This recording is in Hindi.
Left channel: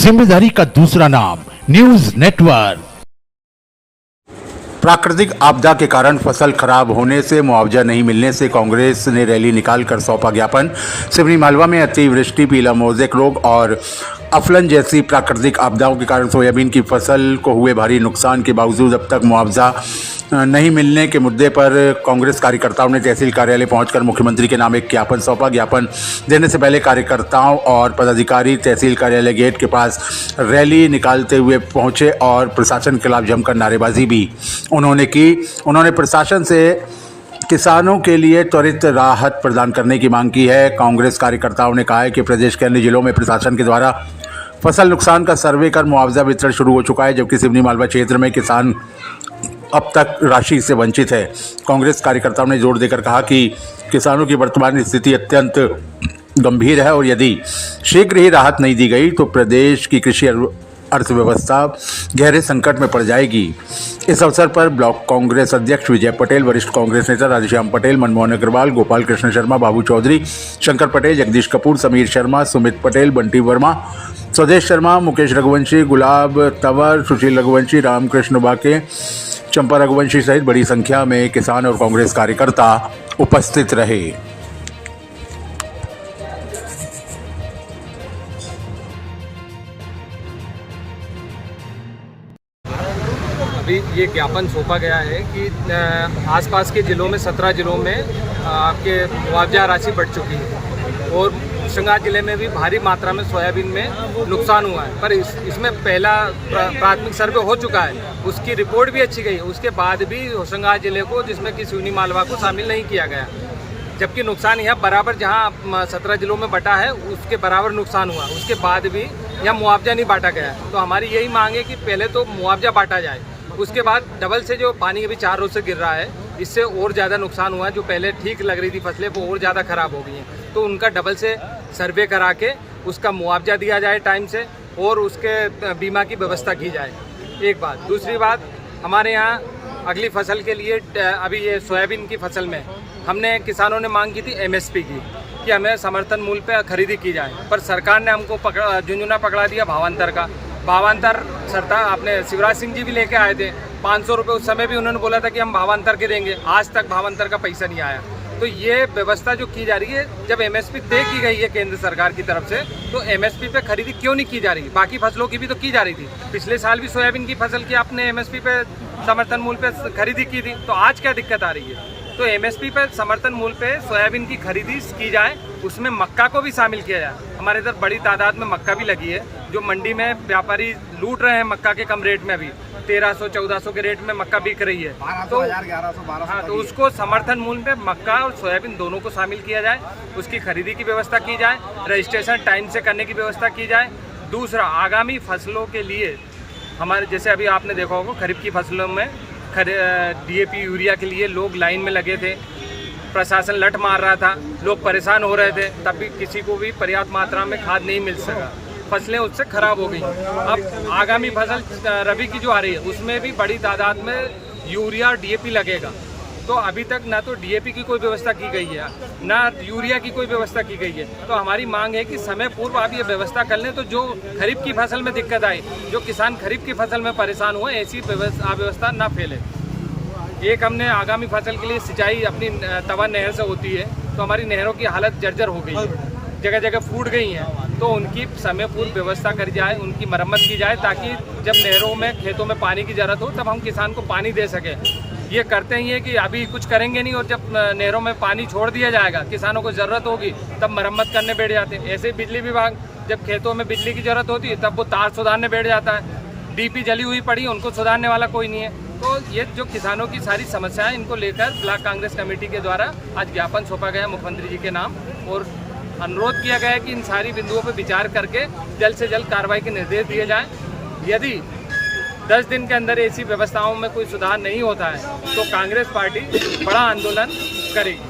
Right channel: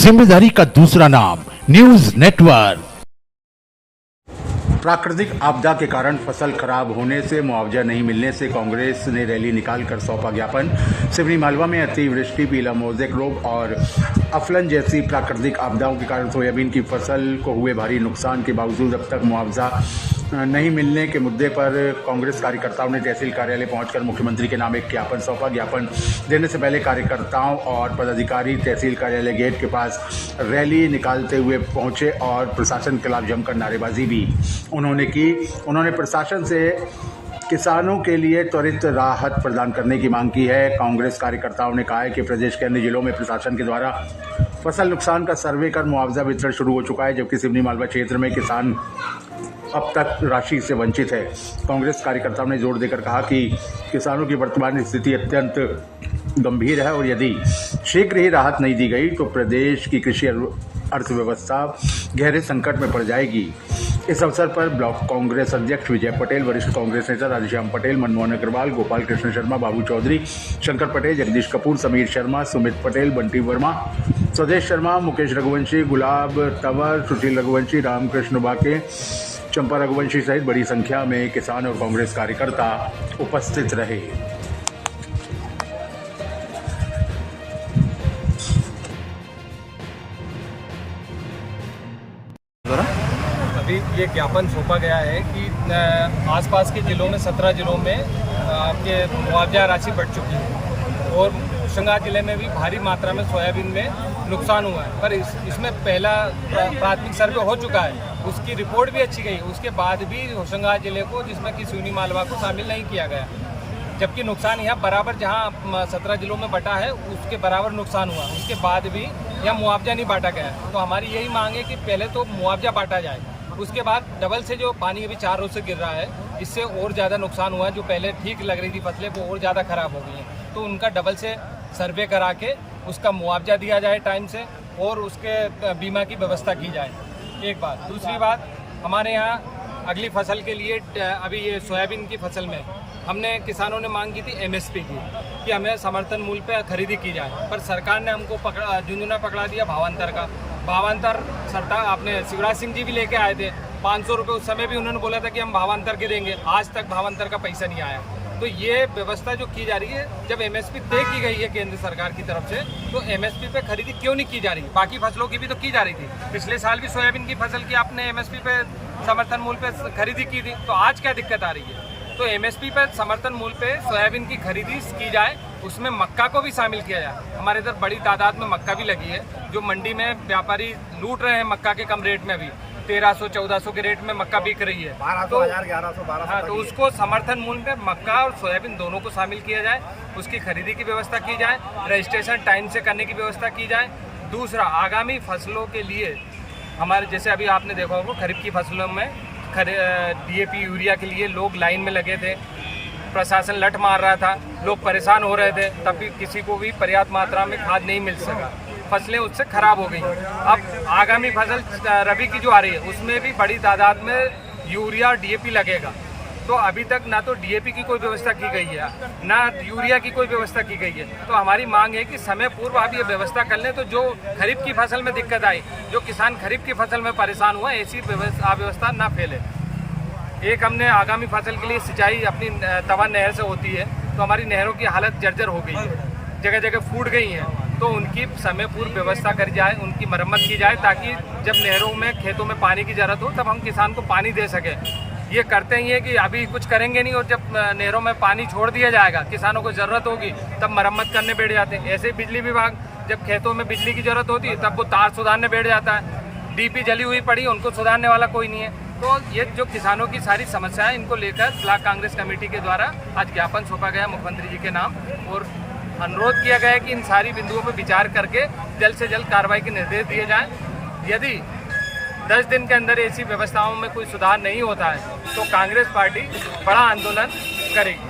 जिम्मेदारी का दूसरा नाम न्यूज नेटवर्क। प्राकृतिक आपदा के कारण फसल खराब होने से मुआवजा नहीं मिलने से कांग्रेस ने रैली निकालकर सौंपा ज्ञापन। सिवनी मालवा में अतिवृष्टि, पीला मोज़ेक रोग और अफलन जैसी प्राकृतिक आपदाओं के कारण सोयाबीन की फसल को हुए भारी नुकसान के बावजूद अब तक मुआवजा नहीं मिलने के मुद्दे पर कांग्रेस कार्यकर्ताओं ने तहसील कार्यालय पहुंचकर मुख्यमंत्री के नाम एक ज्ञापन सौंपा। ज्ञापन देने से पहले कार्यकर्ताओं और पदाधिकारी तहसील कार्यालय गेट के पास रैली निकालते हुए पहुंचे और प्रशासन के खिलाफ जमकर नारेबाजी भी उन्होंने प्रशासन से किसानों के लिए त्वरित राहत प्रदान करने की मांग की है। कांग्रेस कार्यकर्ताओं ने कहा है कि प्रदेश के अन्य जिलों में प्रशासन के द्वारा फसल नुकसान का सर्वे कर मुआवजा वितरण शुरू हो चुका है, जबकि सिवनी मालवा क्षेत्र में किसान अब तक राशि से वंचित है। कांग्रेस कार्यकर्ताओं ने जोर देकर कहा कि किसानों की वर्तमान स्थिति अत्यंत गंभीर है और यदि शीघ्र ही राहत नहीं दी गई तो प्रदेश की कृषि अर्थव्यवस्था गहरे संकट में पड़ जाएगी। इस अवसर पर ब्लॉक कांग्रेस अध्यक्ष विजय पटेल, वरिष्ठ कांग्रेस नेता राधेश्याम पटेल, मनमोहन अग्रवाल, गोपाल कृष्ण शर्मा, बाबू चौधरी, शंकर पटेल, जगदीश कपूर, समीर शर्मा, सुमित पटेल, बंटी वर्मा, स्वदेश शर्मा, मुकेश रघुवंशी, गुलाब तंवर, सुशील रघुवंशी, रामकृष्ण बाके, चंपा रघुवंशी सहित बड़ी संख्या में किसान और कांग्रेस कार्यकर्ता उपस्थित रहे। अभी ये ज्ञापन सौंपा गया है कि आसपास के ज़िलों में 17 ज़िलों में आपके मुआवजा राशि बढ़ चुकी है और होशंगाबाद ज़िले में भी भारी मात्रा में सोयाबीन में नुकसान हुआ है। पर इसमें पहला प्राथमिक सर्वे हो चुका है, उसकी रिपोर्ट भी अच्छी गई, उसके बाद भी होशंगाबाद ज़िले को, जिसमें कि सिवनी मालवा को शामिल नहीं किया गया, जबकि नुकसान यहाँ बराबर जहाँ 17 ज़िलों में बटा है उसके बराबर नुकसान हुआ, उसके बाद भी यहाँ मुआवजा नहीं बांटा गया। तो हमारी यही मांग है कि पहले तो मुआवजा बांटा जाए, उसके बाद डबल से जो पानी अभी 4 रोज से गिर रहा है इससे और ज़्यादा नुकसान हुआ है। जो पहले ठीक लग रही थी फसलें वो और ज़्यादा ख़राब हो गई हैं, तो उनका डबल से सर्वे करा के उसका मुआवजा दिया जाए टाइम से और उसके बीमा की व्यवस्था की जाए। एक बात। दूसरी बात, हमारे यहाँ अगली फसल के लिए अभी ये सोयाबीन की फसल में हमने किसानों ने मांग की थी MSP की, कि हमें समर्थन मूल्य पर खरीदी की जाए, पर सरकार ने हमको झुंझुना पकड़ा दिया भावांतर का। भावांतर सरकार आपने शिवराज सिंह जी भी लेके आए थे 500 रुपये, उस समय भी उन्होंने बोला था कि हम भावांतर के देंगे, आज तक भावांतर का पैसा नहीं आया। तो ये व्यवस्था जो की जा रही है, जब MSP तय की गई है केंद्र सरकार की तरफ से, तो MSP पे खरीदी क्यों नहीं की जा रही? बाकी फसलों की भी तो की जा रही थी, पिछले साल भी सोयाबीन की फसल की आपने MSP पे समर्थन मूल्य पे खरीदी की थी, तो आज क्या दिक्कत आ रही है? तो MSP पे समर्थन मूल्य पे सोयाबीन की खरीदी की जाए, उसमें मक्का को भी शामिल किया जाए। हमारे इधर बड़ी तादाद में मक्का भी लगी है, जो मंडी में व्यापारी लूट रहे हैं मक्का के कम रेट में, अभी 1300-1400 के रेट में मक्का बिक रही है, 1100-1200। हाँ, तो उसको समर्थन मूल्य पे मक्का और सोयाबीन दोनों को शामिल किया जाए, उसकी खरीदी की व्यवस्था की जाए, रजिस्ट्रेशन टाइम से करने की व्यवस्था की जाए। दूसरा, आगामी फसलों के लिए हमारे, जैसे अभी आपने देखा होगा खरीफ की फसलों में DAP यूरिया के लिए लोग लाइन में लगे थे, प्रशासन लट मार रहा था, लोग परेशान हो रहे थे, तब भी किसी को भी पर्याप्त मात्रा में खाद नहीं मिल सका, फसलें उससे खराब हो गई। अब आगामी फसल रबी की जो आ रही है उसमें भी बड़ी तादाद में यूरिया और DAP लगेगा, तो अभी तक ना तो DAP की कोई व्यवस्था की गई है, ना यूरिया की कोई व्यवस्था की गई है। तो हमारी मांग है कि समय पूर्व आप ये व्यवस्था कर लें, तो जो खरीफ की फसल में दिक्कत आई, जो किसान खरीफ की फसल में परेशान हुआ, ऐसी अव्यवस्था ना फैले। एक, हमने आगामी फसल के लिए सिंचाई अपनी तवा नहर से होती है, तो हमारी नहरों की हालत जर्जर हो गई है, जगह जगह फूट गई हैं, तो उनकी समय पूर्व व्यवस्था करी जाए, उनकी मरम्मत की जाए, ताकि जब नहरों में, खेतों में पानी की ज़रूरत हो तब हम किसान को पानी दे सकें। ये करते ही है कि अभी कुछ करेंगे नहीं, और जब नहरों में पानी छोड़ दिया जाएगा, किसानों को ज़रूरत होगी तब मरम्मत करने बैठ जाते हैं। ऐसे बिजली विभाग जब खेतों में बिजली की ज़रूरत होती है तब वो तार सुधारने बैठ जाता है। DP जली हुई पड़ी, उनको सुधारने वाला कोई नहीं है। तो ये जो किसानों की सारी समस्याएं, इनको लेकर ब्लॉक कांग्रेस कमेटी के द्वारा आज ज्ञापन सौंपा गया मुख्यमंत्री जी के नाम, और अनुरोध किया गया है कि इन सारी बिंदुओं पर विचार करके जल्द से जल्द कार्रवाई के निर्देश दिए जाएं। यदि 10 दिन के अंदर ऐसी व्यवस्थाओं में कोई सुधार नहीं होता है तो कांग्रेस पार्टी बड़ा आंदोलन करेगी।